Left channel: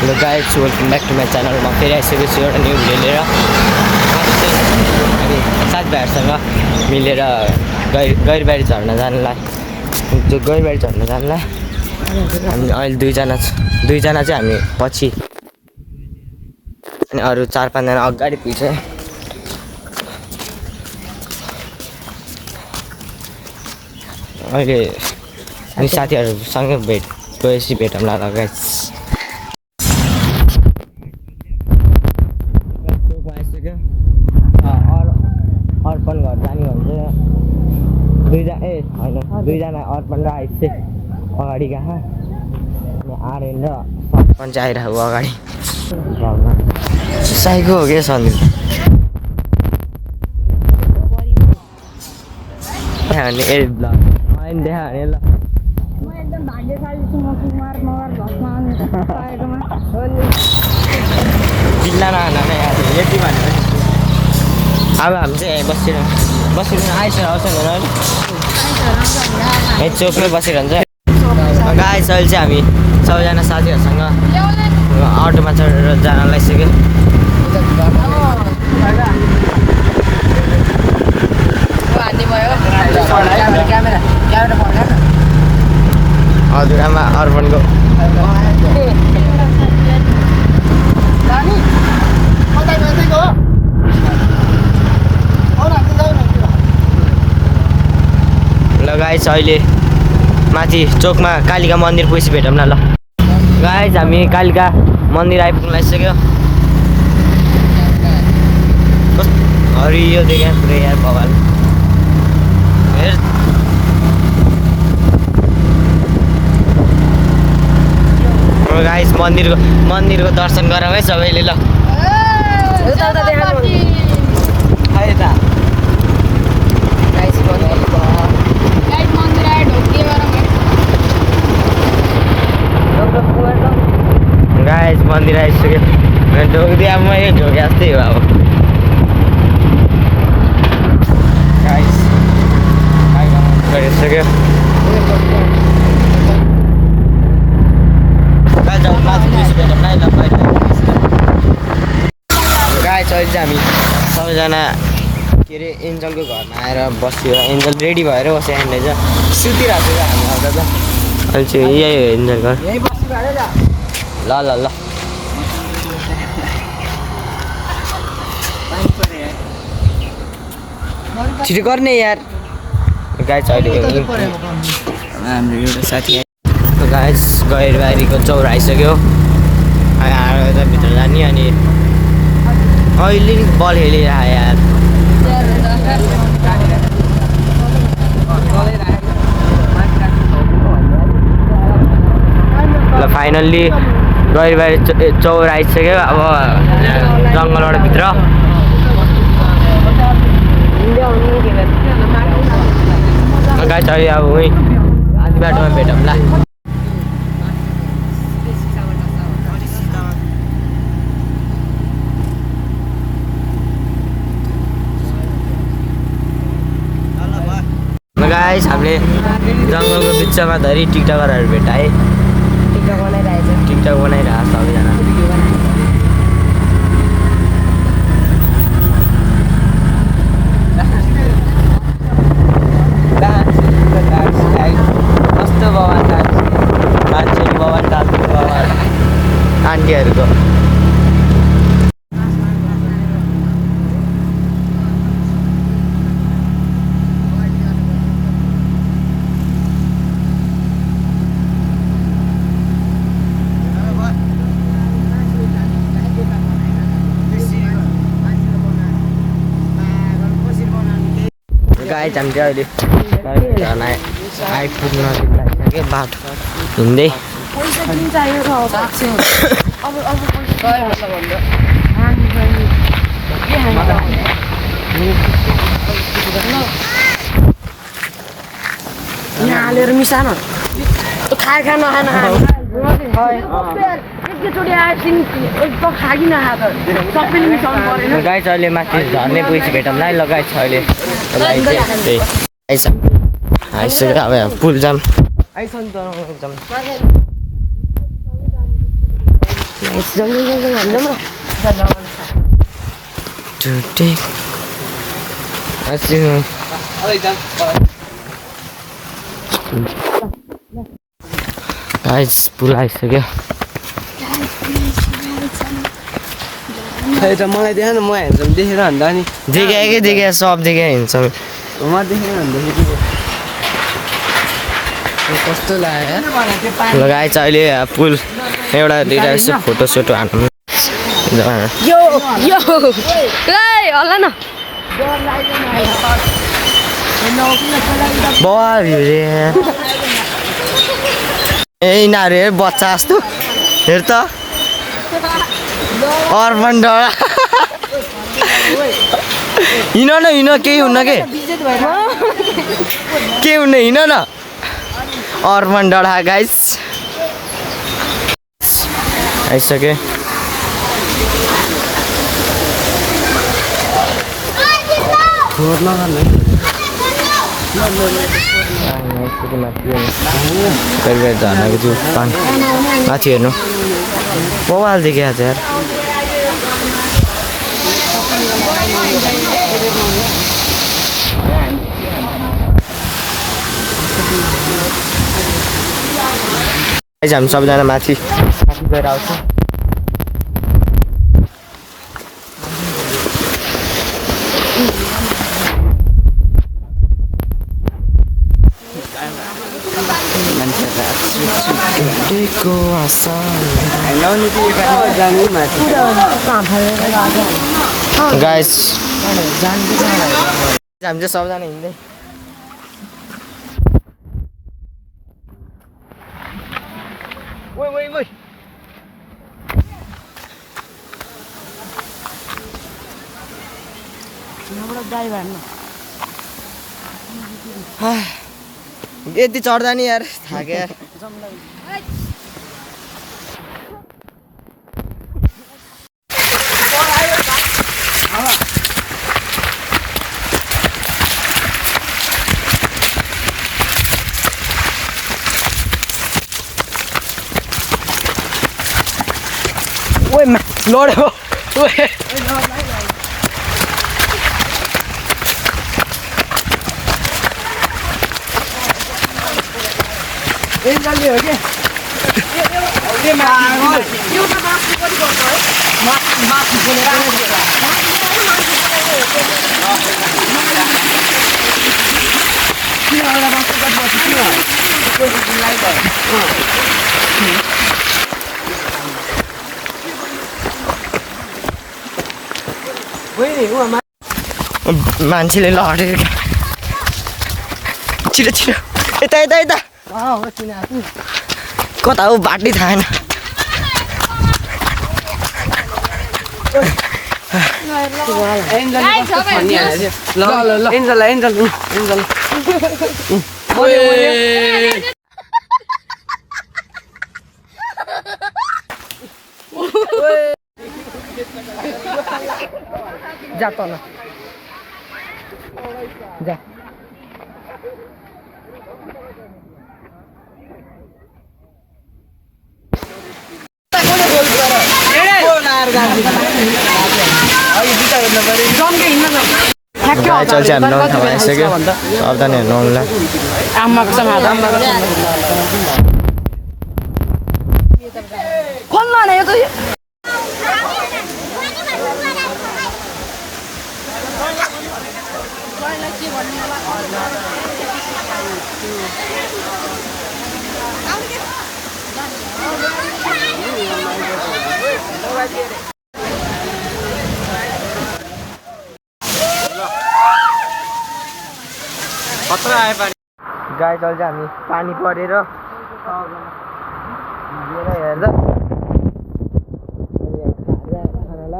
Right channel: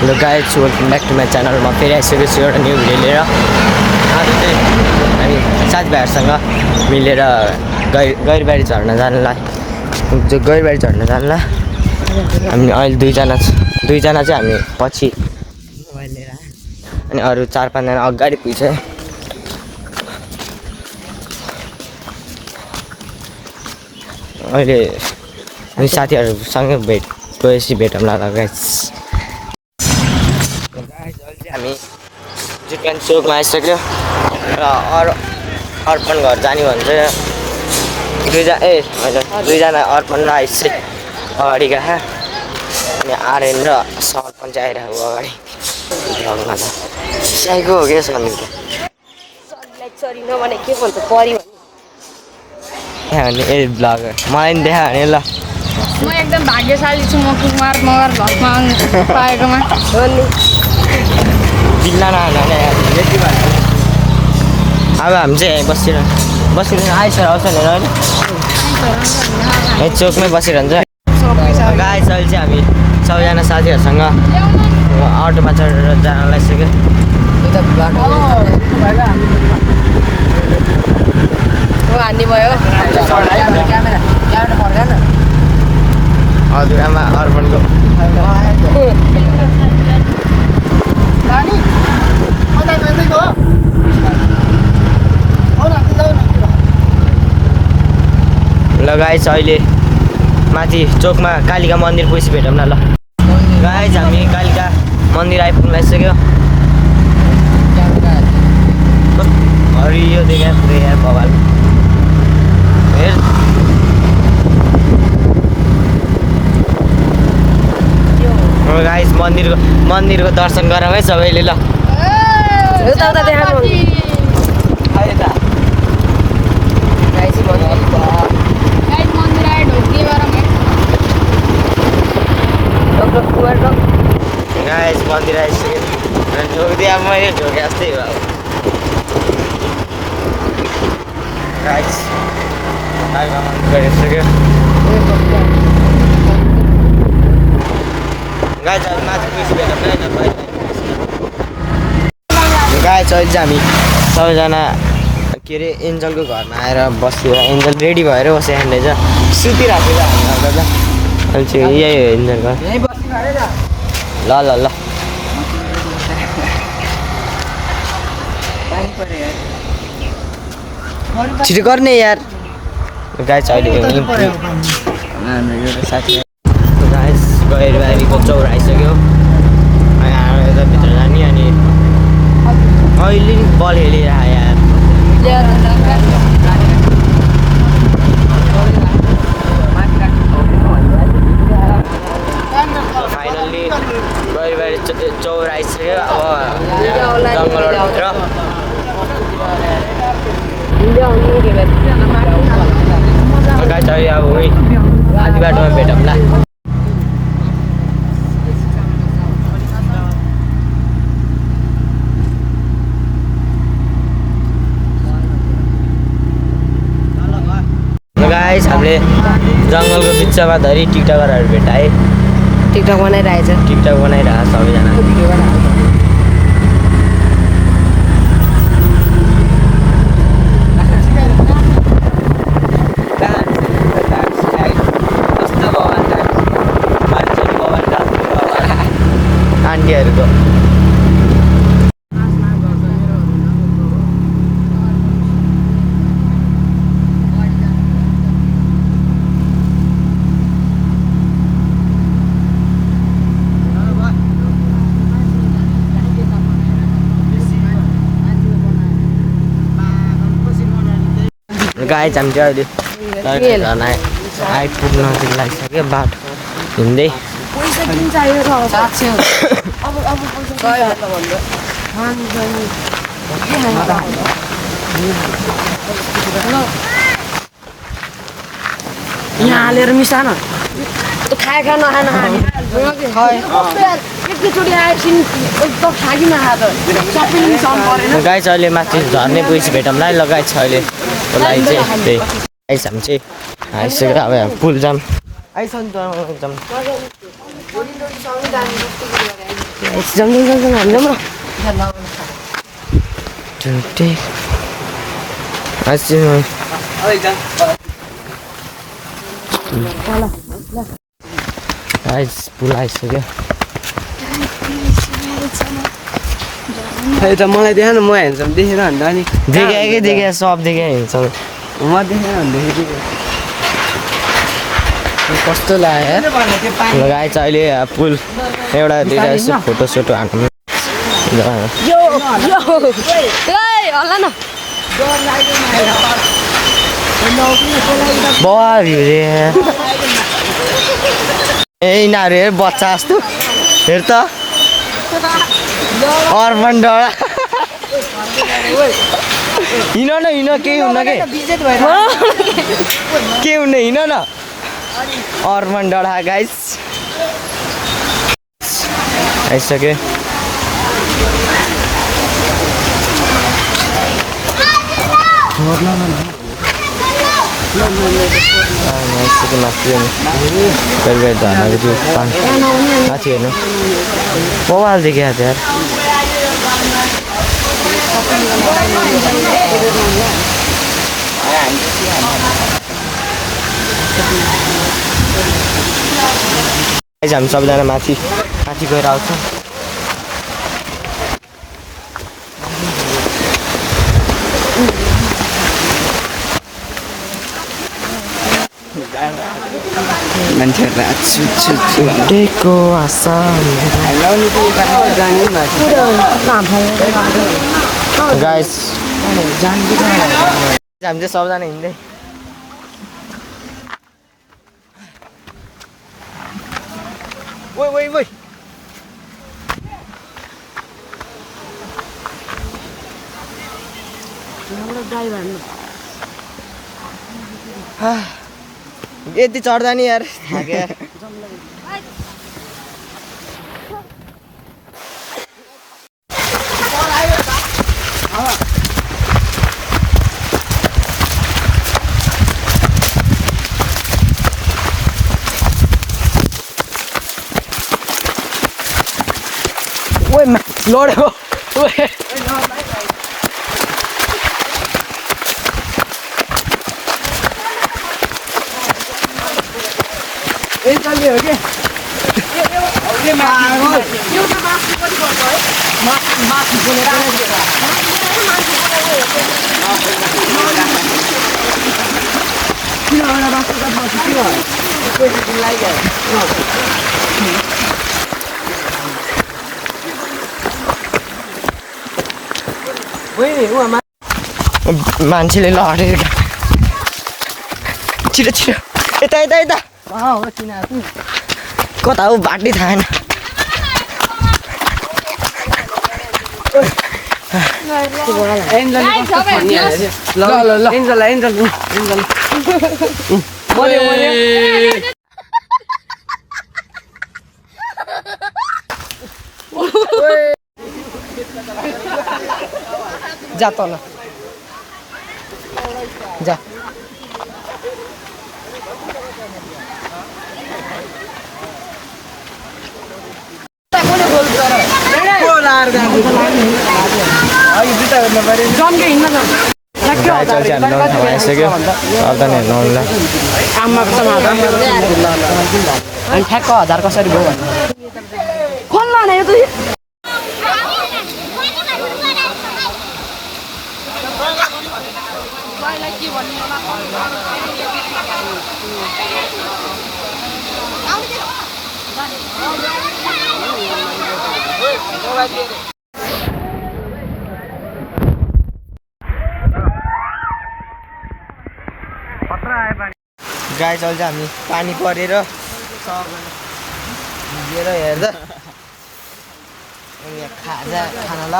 Hello guys, welcome back to my च्यानलमा फेरि आइसकेको छु एउटा न्यू भिडियो लिएर। आज चाहिँ हामी साथीभाइहरूसँग मिलेर गैरबारी झर्न जानलाई हामी अहिले दुईजना चाहिँ हामी पछि अनि अरू 4-5 जना अगाडि पुग्छ। अहिले हामी साथीहरूसँग गएपछि भेटौँला गाइस। हामी जुटन चोकमा आइसक्यो र अर्पण घर जाने भन्छ। दुईजना अर्पण र आइस अगाडि गएको अनि आर्यन र सरपञ्च आइरहेको अगाडि साइको हो क्या सन्धि अनि ए ब्लगर मलाई पनि देखा भने ल। म एकदम भाग्यशाली छु, म कुमार मगर घरमा पाएकोमा। जिल्ला यति भन्नु अब हामी चाहिँ यहीँ बसिरहनु आइसर आउँछ नि होइन यही चोकमै बसिरहन्छ। गाइस अहिले चाहिँ हामी सबैजना साथीहरूसँग अटोमा चढेर जान लागिसक्यो। हजुरआमा अर्पणको ल गाइस, अहिले माथि चोकमा कालिका मन्दिर पुगेपछि भेटौँ न ल। गाइस हामी कालिका मन्दिर आइपुग्न लागिसक्यो। हरियो देखा पुरै यार भगवान् हेर। गाइस मन्दिरको दर्शन गरौँ है सबैले ल। गाइस मन्दिर आइसक्यो। ढोकिदिए अब मैले ढोके जस्तै हो अब। गाइस गरिसक्यो। गाइस अहिले माथि पुगेपछि भेटौँ न ल पहिला। गाइस अहिले चाहिँ हामी सबैजना के अरे एन्जलको घरमा आएर बस्यो। एन्जल रेडी भएर बस्यो यहाँनिर चाहिँ सुतिरहेको थियो हामी आउँदा त। अहिले चाहिँ यही हो एन्जल घर। ल ल ल छिटो गर्ने यार। गाइस अहिले हाम्रो एउटा साथी गाइस गैरबारीको चौर आइसक्यो। अनि आएर त भित्र जाने अनि अहिले नि बल खेलिरह यार। ल फाइनल्ली गैरबारी चौर आइसक्यो। अब जङ्गलबाट भित्र गाइस अहिले अब आधी बाटोमा भेटौँला। गाइस हामीले जङ्गलको बिचमा धरि टिकटकरहरू भेटाए। टिकटक बनाइरहेको सबैजना। आन्टीहरूको गाइस हामी चाहिँ अहिले आइपुग्न लागिसक्यो। बाटो हिँड्दै यहाँ हालेर मिसा न खाए खा नखा गाइस अहिले माथि झर्ने पुगेपछि भेटौँला है ल। गाइस अहिले चाहिँ त्यही गाइस हामी चाहिँ आइसक्यो। अब पुल जाम आइसक्यो। पुल आइसक्यो खै त मलाई देख न म हेर्छम देखेर भन्दा नि देखे सब देखे हिँड्छ म देखेर भन्दाखेरि कस्तो लाग्यो ल गाइस अहिले पुल एउटा दुइटा यसो फोटो सोटो हान्नु होला न बवाल भ्यू रे ए यिनीहरू हेर बच्चा जस्तो हेर त अर्बन डाँडा हिँड न हिँड केही हुन्न के हुन्न हिँड न अर्बन डाँडा गाइस आइसक्यो माथि झर्नाको त्यो माथि हेर्नु बवाल देख्यो यार हामी सबजना माथि गएर आउँछौँ मान्छेहरूको आशा गाइस हामी चाहिँ सबजना हिँड्दै यति चढ्दा नि यार थाक्यो यार लड्यो हो के मान्छेले लडेको छिटो छिटो यता कता हो बाटै थाहा छैन जा तल जा गाई चल्छ हामी नौलो ठाउँमा आइसक्यो सबजना हेर्नु आउनुलाई ठ्याक्क 1000 कसरी भयो गाई चल्छ हामी पानी परेर भिजेर हेर्दा खाना ल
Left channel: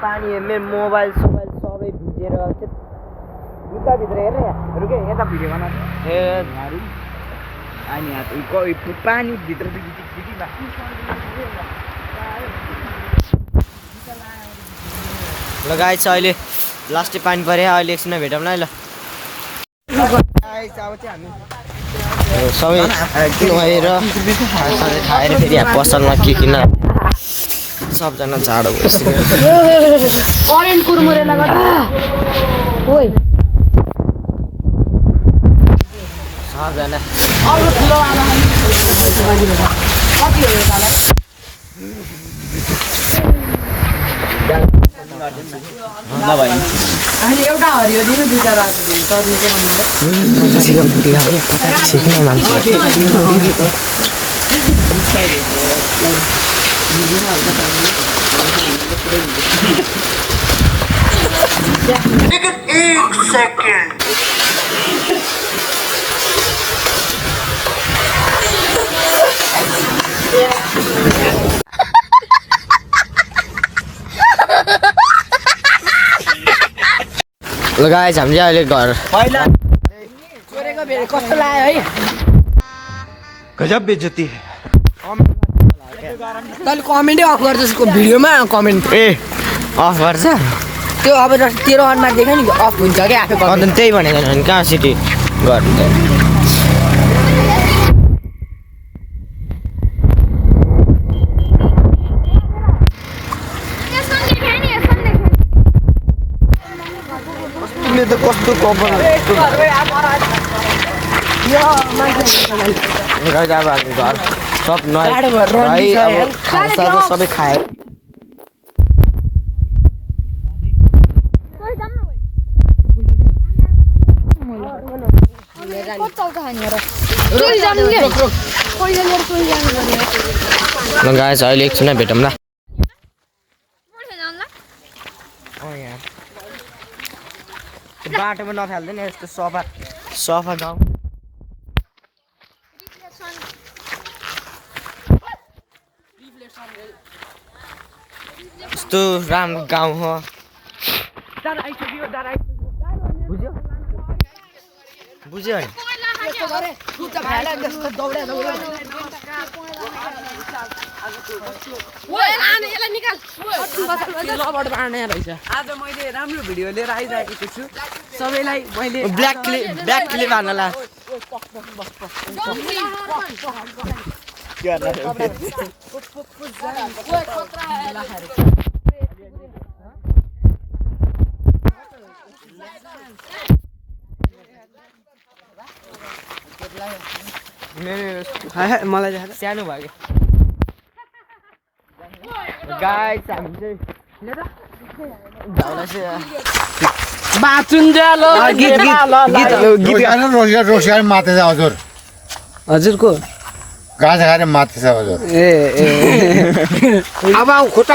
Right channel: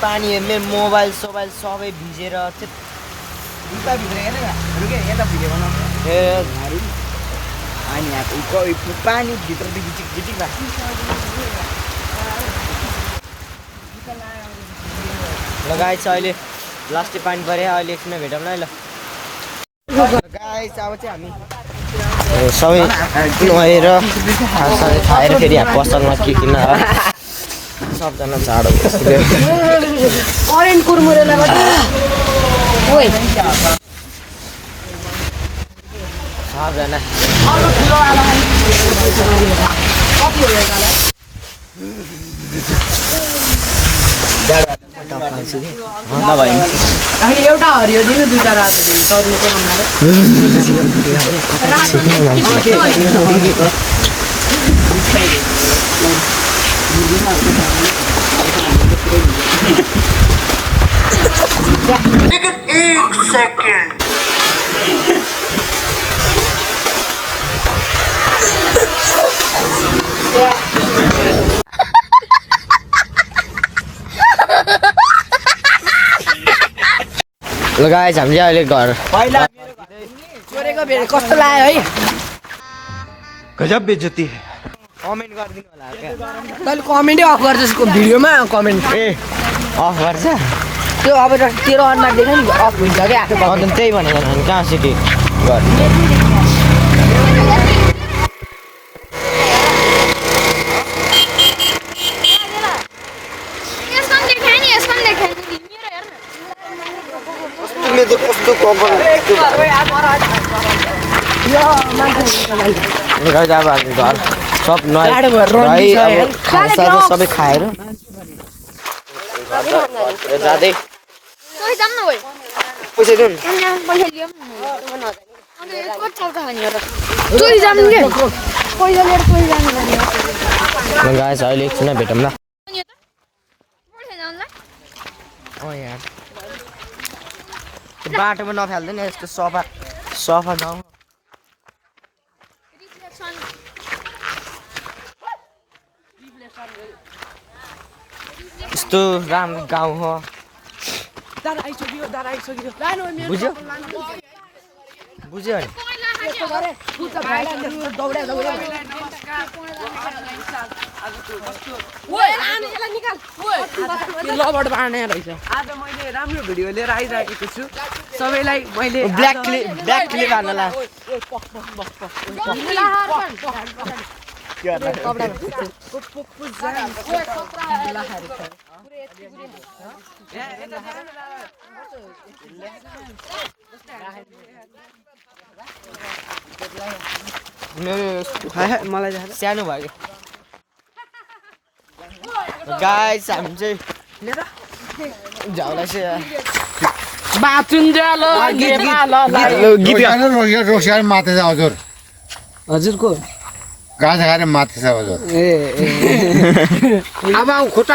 पानी मेरो मोबाइल सोबाइल सबै भिजेर जुत्ताभित्र हेरेर रुके यता भिडियो बना अनि पानी भित्र झिटिक भएको ल गाई छ अहिले लास्टै पानी पऱ्यो अहिले एकछिनमा भेटौँ ल गाइस अब चाहिँ हामी सबै नुहाएर खानासाना खाएर फेरि यहाँ पसलमा के किन सबजना जाडो भइसक्यो करेन्ट कुरमुरेले गर्दा ओइ सबजना एउटा हरियो दिनु दुईटा रातो दिनु तरुको ल गाइस हामी चाहिँ अहिले घर चोरेको बेर कस्तो लाग्यो है गजब बेइज्जती है कमेन्ट गरिदिनु होला तैँले कमेन्टै अफ गर्छस् भिडियोमा कमेन्ट ए अफ गर्छ त्यो अब तेरो अनुहार देख्यो नि अफ हुन्छ क्या आफै अन्त त्यही भनेको नि कहाँ सिटी घर तिमीले त कस्तो कपाल यस्तो भयो गाइस अब हामी घर सब नुहाइ अब खानासाना सबै खाएर जाँदै तोइ जाम न ओइ पैसा दिउँ पैसा दियो कति चल्छ खाने र तोइ जाम के पैसा लिएर तोइ जानु पर्ने ल गाइस अहिले एकछिन भेटौँ ल यार बाटोमा नफाल्दैन यस्तो सफा सफा गाउँ यस्तो राम्रो गाउँ हो बुझ्यो बुझ्यो है लबाट बाँड्ने रहेछ आज मैले राम्रो भिडियो लिएर आइरहेको छु सबैलाई मैले ब्ल्याक क्लिप हाल्नला मलाई सानो भयो गाइस हामी चाहिँ झगडा चाहिँ रोसियार माथि छ हजुर हजुरको गाजा खाएर माथि छ हजुर ए अब खुट्टा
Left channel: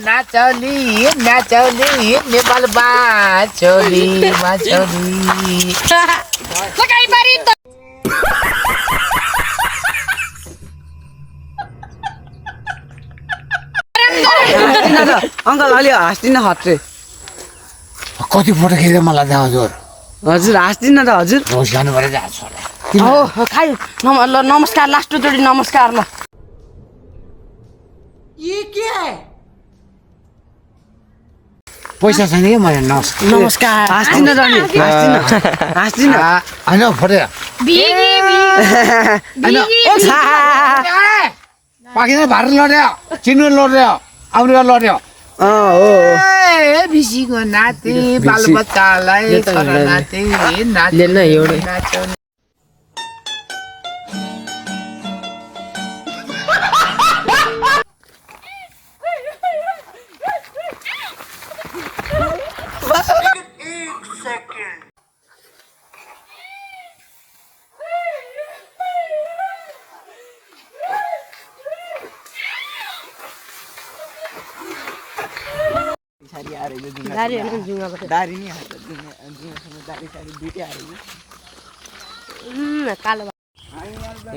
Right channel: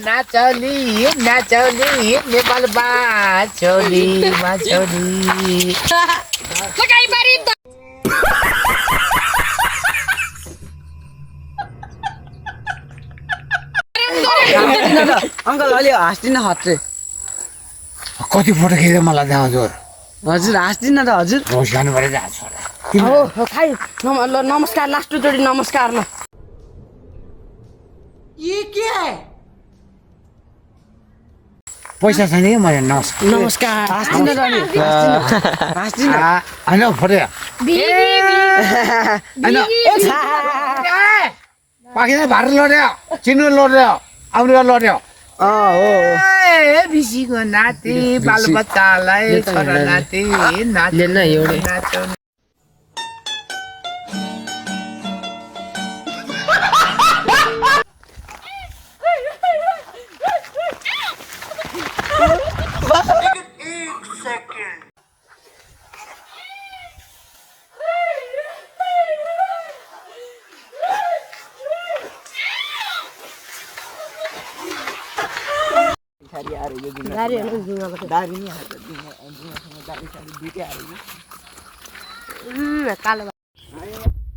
नाचौली नाचौली नेपाल बाचौली माचौली अङ्कल अलि हाँस्दिन हत्रे कति फोटो खिचेर मलाई त्यहाँ हजुर हजुर हाँस्दिन त हजुर रोस जानु पऱ्यो जहाँ छ खाइ ल नमस्कार लास्टचोटि नमस्कार ल पैसा छैन कि मैले नमस्कार नमस्कार हाँस्दिन त नि हाँस्दिन होइन फोटो पाकिँदैन भार लड्यो चिन्नु लड्यो अमृत लड्यो बिसीको नाति बालबच्चालाई छोरा नाति नाच्यो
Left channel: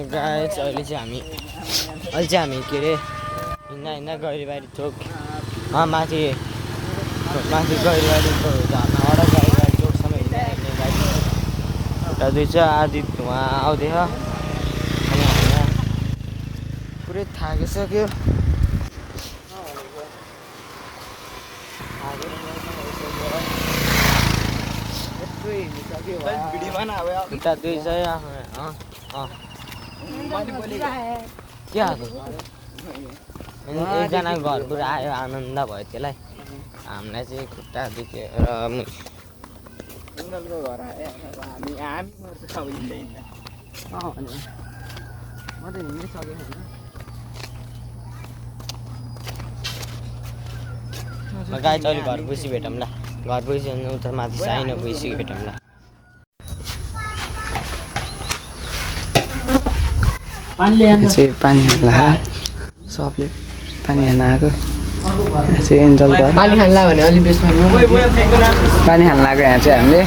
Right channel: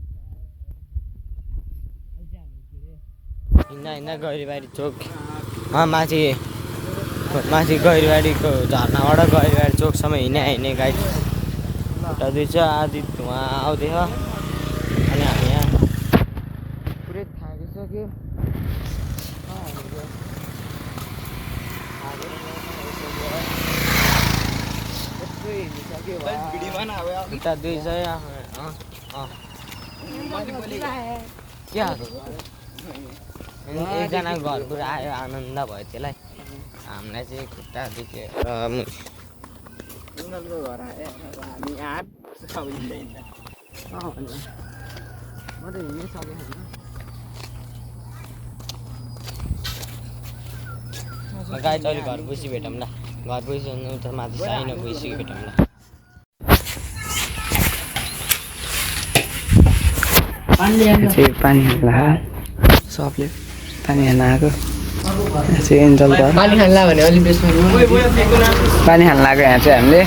गाइस अहिले चाहिँ हामी के अरे हिँड्दा गैरीबारी चोक माथि गैरीबारीको झर्नाबाट गैरीबारी चोकसम्म हिँड्ने गाइस खुट्टा दुई आदि धुवा आउँदैछ अनि हामी यहाँ पुरै थाकिसक्यो खुट्टा दुई चाहिँ के आएको एकजनाको घरबाट आयो आनन्द भयो त्यसलाई हामीलाई चाहिँ खुट्टा दुख्यो गाई चाहिँ घर पुसी भेटौँला घर पुसी उता माथि साइनो पुसी भेटौँला पानी हाल्ला सबले पानी हाल्न आएको चाहिँ एन्जल घर पानी हाल्ला भने अलिक बेसमा पानी हाल्न आएको यहाँ चाहिँ हामीले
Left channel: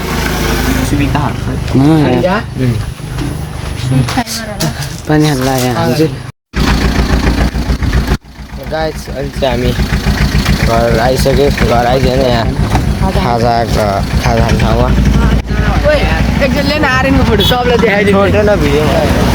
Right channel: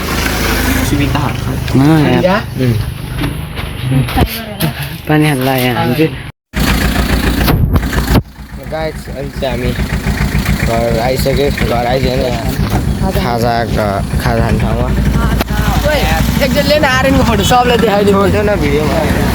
पानी हाल्ला यहाँ हामी चाहिँ गाइस अहिले चाहिँ हामी घर आइसक्यो घर आइसक्यो यहाँ खाजा खाने ठाउँमा एकजनले नि आर्मी फोटो सबले देखाइदियो छोड्दैन भिडियोमा